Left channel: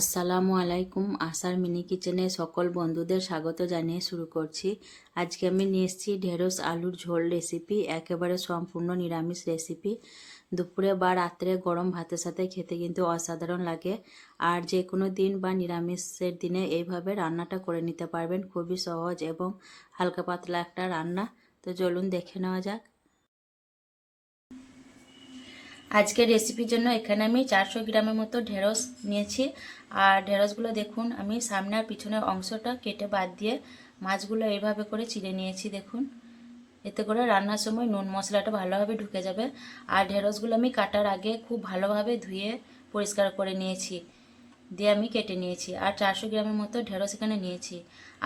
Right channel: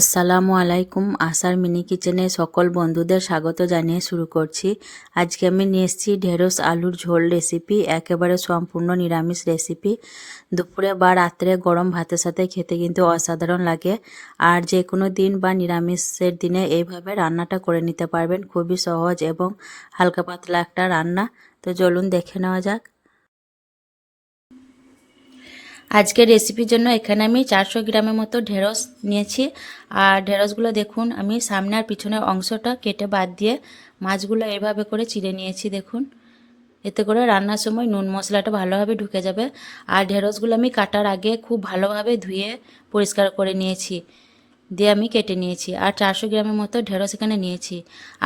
আসসালামু আলাইকুম। আশার মিনি কিচেনে সকল বন্ধুদের স্বাগত জানিয়ে শুরু করছি। আজকে আমি নিয়ে এসেছি ঢেঁড়স আলুর ঝোল রেসিপি, একেবারে সম্পূর্ণ নিরামিষ রেসিপি। দুপুরে বা রাত্রে গরম ভাতের সাথে খেতে কিন্তু অসাধারণ লাগে। আর যে কোনো দিন বা নিরামিষের দিনে এইভাবে রান্নাটা করে নিতে পারবেন। খুবই সহজ এবং হালকা পাতলা একটা রান্না। তো চলুন দেখে নেওয়া যাক। আজকের রেসিপির জন্য এখানে আমি 400 গ্রামের মতো ঢেঁড়স নিয়েছি। আর ঢেঁড়সগুলো দেখুন আমি সামনে আর পিছনের অংশটা কেটে বাদ দিয়ে মাছগুলো এভাবে করে চিড়ে নিয়েছি। দেখুন, এতে করে রান্নার সময় নুন মশলাটা ভালোভাবে ঢুকে যাবে। আর ঢেঁড়সগুলো আমি কাটার আগে খুব ভালোভাবে ধুয়ে পরিষ্কার করে নিয়েছি, দিয়ে আমি কেটে নিয়েছি। আর 400 গ্রামের মতো ঢেঁড়স এখানে নিয়েছি।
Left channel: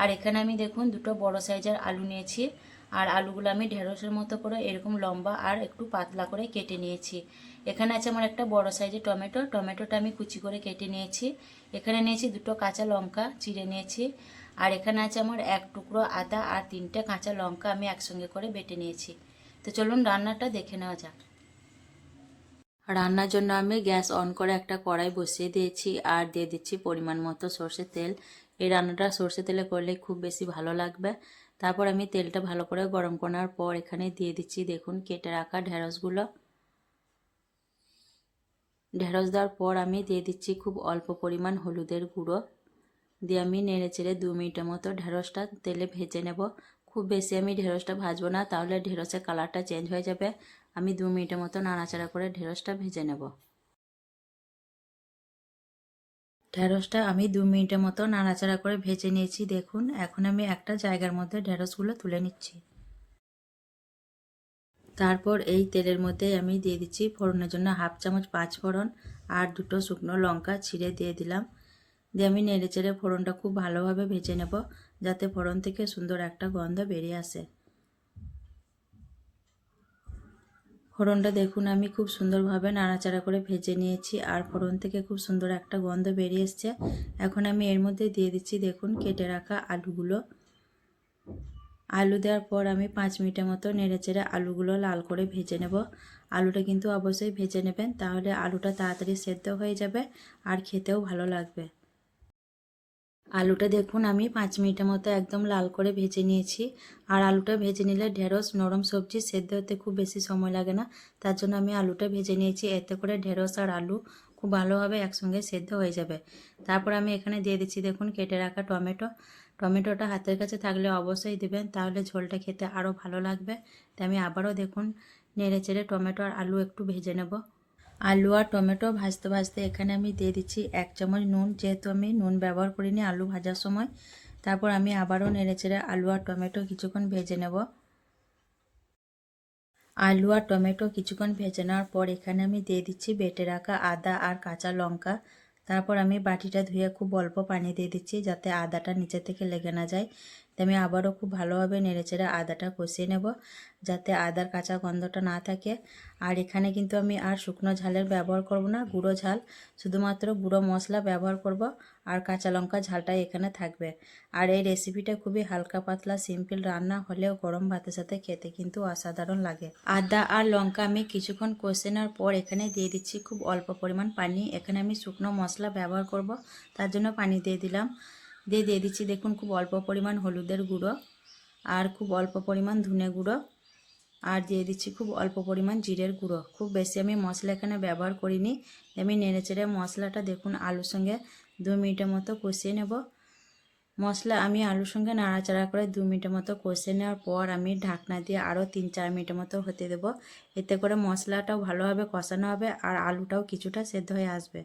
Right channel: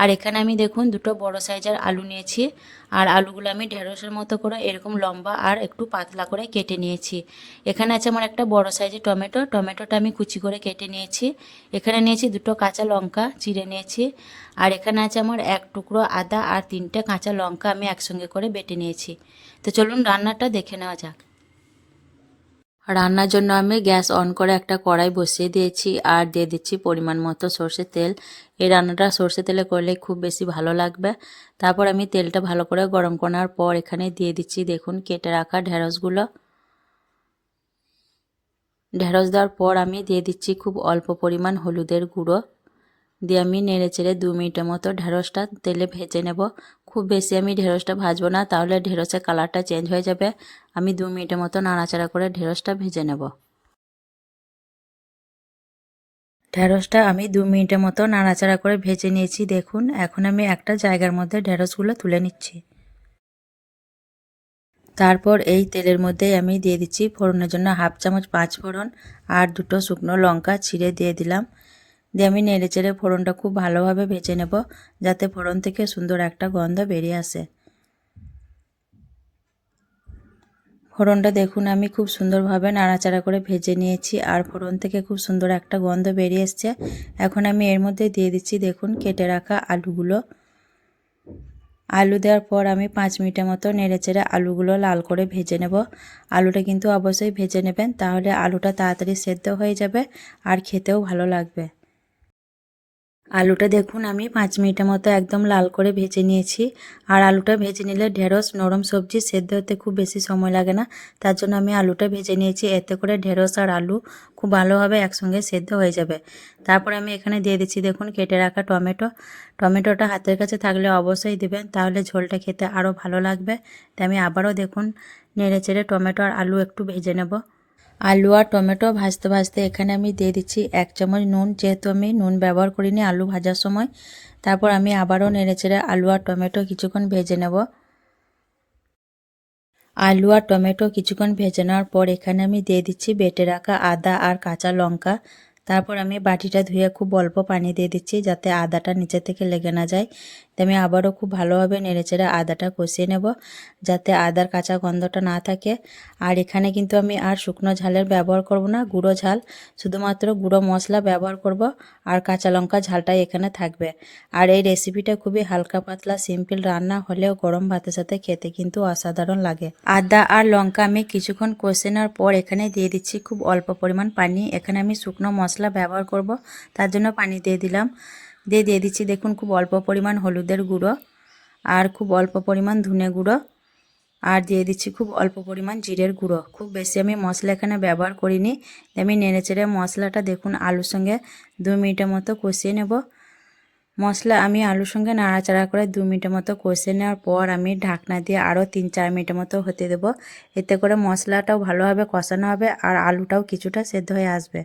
আর এখানে আমি দেখুন দুটো বড় সাইজের আলু নিয়েছি। আর আলুগুলো আমি ঢেঁড়সের মতো করে এরকম লম্বা আর একটু পাতলা করে কেটে নিয়েছি। এখানে আছে আমার একটা বড় সাইজের টমেটোটা আমি কুচি করে কেটে নিয়েছি। এখানে নিয়েছি দুটো কাঁচা লঙ্কা চিড়ে নিয়েছি। আর এখানে আছে আমার এক টুকরো আদা আর 3টে কাঁচা লঙ্কা আমি একসঙ্গে করে বেটে নিয়েছি। তো চলুন রান্নাটা দেখে নেওয়া যাক। রান্নার জন্য আমি গ্যাস অন করে একটা কড়াই বসিয়ে দিয়েছি আর দিয়ে দিচ্ছি পরিমাণ মতো সর্ষের তেল। এই রান্নাটা সর্ষের তেলে করলে খুব বেশি ভালো লাগবে। তারপর আমি তেলটা ভালো করে গরম করার পর এখানে দিয়ে দিচ্ছি দেখুন কেটে রাখা ঢেঁড়সগুলো। ঢেঁড়স দেওয়ার পর আমি দিয়ে দিচ্ছি খুব অল্প পরিমাণ হলুদের গুঁড়ো, দিয়ে আমি নেড়ে চেড়ে 2 মিনিটের মতো ঢেঁড়সটা তেলে ভেজে নেব। খুব বেশি আমি ঢেঁড়সটা ভাজবো না, তাহলে ঢেঁড়সের কালারটা চেঞ্জ হয়ে যাবে। আমি 2 মিনিটের মতো নাড়াচাড়া করে ঢেঁড়সটা ভেজে নেব। ঢেঁড়সটা আমি 2 মিনিটের মতো নাড়াচাড়া করে ভেজে নিয়েছি। দেখুন এখন আমি একটা জায়গার মধ্যে ঢেঁড়সগুলো তুলে নিচ্ছি। তারপর এই তেলের মধ্যেই আমি দিয়ে দিচ্ছি ফোড়নের জন্য 1/2 চামচ 5 ফোড়ন আর 2টো শুকনো লঙ্কা ছিঁড়ে দিয়ে দিলাম। দিয়ে আমি নেড়ে চেড়ে ফোড়নটা খুব ভালোভাবে ভেজে নেব, যাতে ফোড়ন থেকে সুন্দর একটা গন্ধ বেরিয়ে আসে। ফোড়নটা দেখুন আমি খুব সুন্দরভাবে নাড়াচাড়া করে ভেজে নিয়েছি আর ফোড়ন থেকে খুব সুন্দর একটা গন্ধ বেরিয়ে এসছে। এখন আমি এর মধ্যে দিয়ে দিচ্ছি দেখুন কেটে রাখা আলুগুলো। আলু দেওয়ার পর আমি 5 মিনিটের মতো নেড়েচেড়ে আলুগুলো লাল করে ভেজে নেব। আলুটা কিন্তু অবশ্যই ভেজে নেবেন, তাহলে আলুটা তাড়াতাড়ি সেদ্ধ হয়ে যাবে আর খেতেও ভালো লাগবে। আলুটা দেখুন আমি 5 মিনিটের মতো একদম লাল করে ভেজে নিয়েছি। আর আলুটা ভেজে নিলে ঢেঁড়স নরম সবজি সেদ্ধ হতে খুব বেশি সময় লাগে না, তার জন্য আমি আলুটা ভেজে নিয়েছি। এতে করে ঢেঁড়স আর আলু খুব ভালোভাবে একসঙ্গে সেদ্ধ হয়ে যাবে। তারপর আমি এখানে দিয়ে দিচ্ছি দেখুন কেটে রাখা টমেটোটা হাতের কাছে থাকলে অবশ্যই দেবেন, তাহলে ঝোলটা খেতে আরও ভালো লাগবে। তাই আমি আবারও দেখুন নেড়ে চেড়ে টমেটো আর আলু একটু ভেজে নেব। আলু আর টমেটো ভাজতে ভাজতে এখানে আমি দিয়ে দিচ্ছি 1 চামচ নুন, যেহেতু আমি নুন ব্যবহার করিনি আলু ভাজার সময়। তারপর আমি আবারও নেড়েচেড়ে আলু আর টমেটো কিছুক্ষণ ভেজে নেব। আলু আর টমেটো কিছুক্ষণ ভেজে নেওয়ার পর এখানে আমি দিয়ে দিচ্ছি বেটে রাখা আদা আর কাঁচা লঙ্কা। তারপর আমি বাটিটা ধুয়ে খুব অল্প পানি দিয়ে দিচ্ছি, যাতে আদাটা নিচে থেকে লেগে না যায়। তো আমি আবারও খুব ভালোভাবে নেড়েচেড়ে আদাটা কষিয়ে নেব, যাতে আদার কাঁচা গন্ধটা না থাকে। আর এখানে কিন্তু আমি আর শুকনো ঝালের ব্যবহার করব না, গুঁড়ো ঝাল, শুধুমাত্র গুঁড়ো মশলা ব্যবহার করব। আর কাঁচা লঙ্কা ঝালটাই এখানে থাকবে। আর এই রেসিপিটা খুবই হালকা পাতলা সিম্পল রান্না হলেও গরম ভাতের সাথে খেতে কিন্তু অসাধারণ লাগে। আদা আর লঙ্কা আমি কিছুক্ষণ কষে নেওয়ার পর এখানে দিয়ে দিচ্ছি খুব অল্প পরিমাণ পানি। এখানে আমি শুকনো মশলা ব্যবহার করব, তার জন্য পানি দিয়ে দিলাম। দিয়ে দিচ্ছি দেখুন খুব অল্প পরিমাণ হলুদের গুঁড়ো আর খুব অল্প পরিমাণ ধনে গুঁড়ো আর দিয়ে দিচ্ছি খুব অল্প পরিমাণ জিরের গুঁড়ো। খুব বেশি আমি মশলা এখানে ব্যবহার করিনি। আমি নেড়েচেড়ে মশলাটা দেখুন আলুর সঙ্গে 2 মিনিটের মতো কষিয়ে নেব। মশলা আমি আলুর সঙ্গে নাড়াচাড়া করে 2 মিনিটের মতো কষে নেওয়ার পর আমি ঢাকনা দিয়ে আরও 3-4 মিনিটের মতো হতে দেবো। এতে করে মশলাটাও ভালোভাবে কষানো হবে আর আলুটাও কিছুটা সেদ্ধ হয়ে আসবে।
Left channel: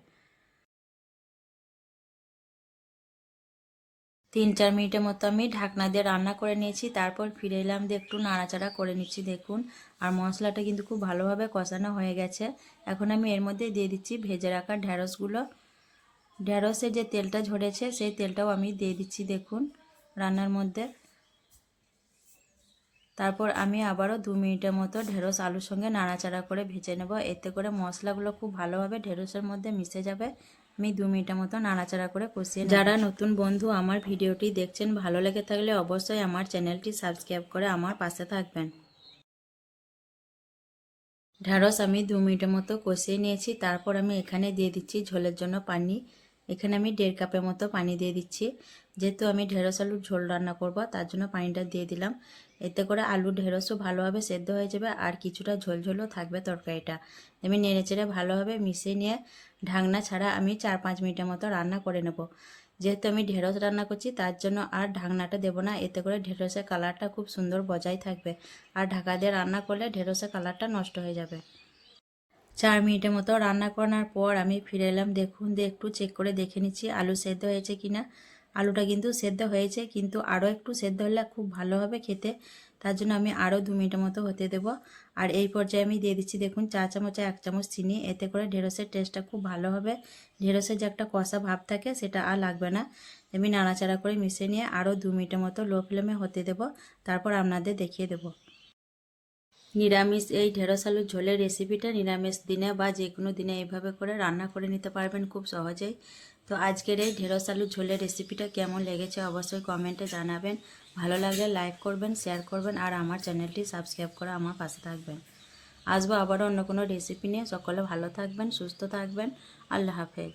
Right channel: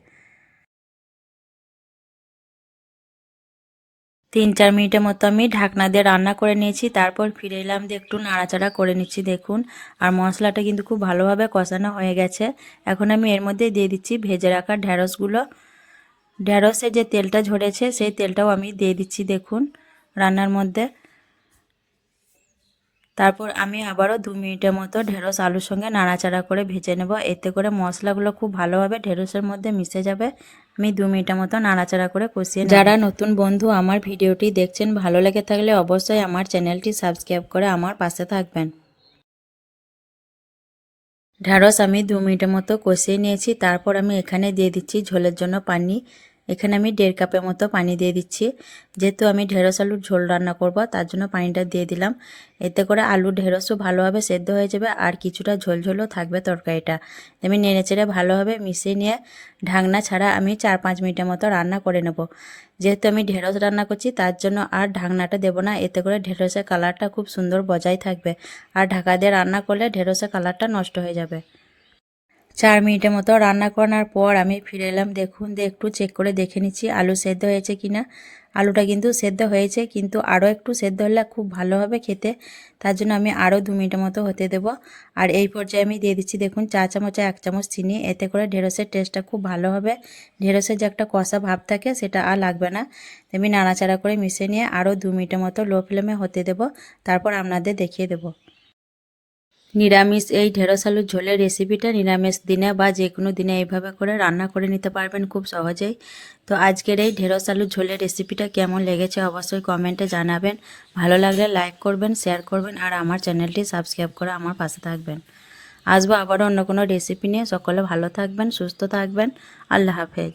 3-4 মিনিটের মতো আমি ঢাকনা দিয়ে রান্না করে নিয়েছি। তারপর ফিরে এলাম দিয়ে একটু নাড়াচাড়া করে নিচ্ছি দেখুন। আর মশলাটা কিন্তু খুব ভালোভাবে কষানো হয়ে গেছে। এখন আমি এর মধ্যে দিয়ে দিচ্ছি ভেজে রাখা ঢেঁড়সগুলো। ঢেঁড়সের যে তেলটা ঝরেছে সেই তেলটাও আমি দিয়ে দিচ্ছি দেখুন রান্নার মধ্যে। তারপর আমি আবারও 2 মিনিটের মতো ঢেঁড়স আলুর সঙ্গে নাড়াচাড়া করে ভেজে নেব। এতে করে মশলাগুলো খুব ভালোভাবে ঢেঁড়সের মধ্যে মিশে যাবে। আমি 2 মিনিটের মতো নাড়াচাড়া করে কষিয়ে নেব। যারা নতুন বন্ধু আমার ভিডিওটি দেখছেন, ভালো লেগে থাকলে অবশ্যই আমার চ্যানেলটি সাবস্ক্রাইব করে আমার পাশে থাকবেন। ঢেঁড়স আমি 2 মিনিটের মতো কষিয়ে নিয়েছি। তারপর আমি এখানে দিয়ে দিচ্ছি ঝোলের জন্য পানি। এখানে আমি 1.5 কাপের মতো পানি দিয়ে দিচ্ছি। যেহেতু আমি ঢেঁড়স আলুর ঝোল রান্না করব, তার জন্য পানিটা দিয়ে দিলাম। এতে করে আলু ঢেঁড়সও ভালোভাবে সেদ্ধ হয়ে যাবে আর কিছুটা ঝোলঝোলও থাকবে তরকারিটা। আমি নেড়েচেড়ে ভালোভাবে মিশিয়ে নিয়ে ঢাকনা ছাড়া আমি 4-5 মিনিটের মতো রান্না করে নেব। যেহেতু আমি ঢেঁড়স রান্না করছি তার জন্য আর ঢাকনাটা দেব না, এতে করে ঢেঁড়সের কালারটা খুব সুন্দর বজায় থাকবে। আর ঢাকা দিয়ে রান্না করলে ঢেঁড়সের কালারটা নষ্ট হয়ে যাবে। 4 মিনিটের মতো রান্না করার পর আমি ফিরে এলাম। দেখুন একটু চেক করে দেখে নিচ্ছি আলু সেদ্ধ হয়েছে কিনা। আলুটা কিন্তু সেদ্ধ হয়েছে, কিন্তু আরও একটু সেদ্ধ হলে খুব ভালো হবে খেতে। তার জন্য আমি আরও 2 মিনিটের মতো হতে দেব। আর এই পর্যায়ে আমি দিয়ে দিচ্ছি দেখুন 4 চামচে 1 চামচ চিনি। এতে করে ঢেঁড়সের টেস্টটা খুব ভালো হবে। ঢেঁড়সের যে একটা কষা ভাব থাকে সেটা আর লাগবে না। আমি নাড়াচাড়া করে মিশিয়ে নিয়ে আরও 2 মিনিটের মতো লো ফ্লেমে হতে দেব। তারপর আপনাদের দেখিয়ে দেবো। নিরামিষ এই ঢেঁড়স আলুর ঝোলের রেসিপিটা নিরামিষ দিনে বা যে কোনো দিনে এইভাবে করে রান্না করে নিতে পারবেন খুব সহজেই। তো আজকের এই ঢেঁড়স আলুর ঝোলের রেসিপিটা কেমন লেগেছে অবশ্যই কমেন্টে জানাবেন। ভালো লাগলে লাইক করবেন, শেয়ার করবেন আর আমার চ্যানেলটি সাবস্ক্রাইব করে আমার পাশে থাকবেন। আসবো আবারও অন্য কোনো রেসিপি নিয়ে। সকলে ভালো থাকবেন, সুস্থ থাকবেন। আল্লাহ হাফেজ।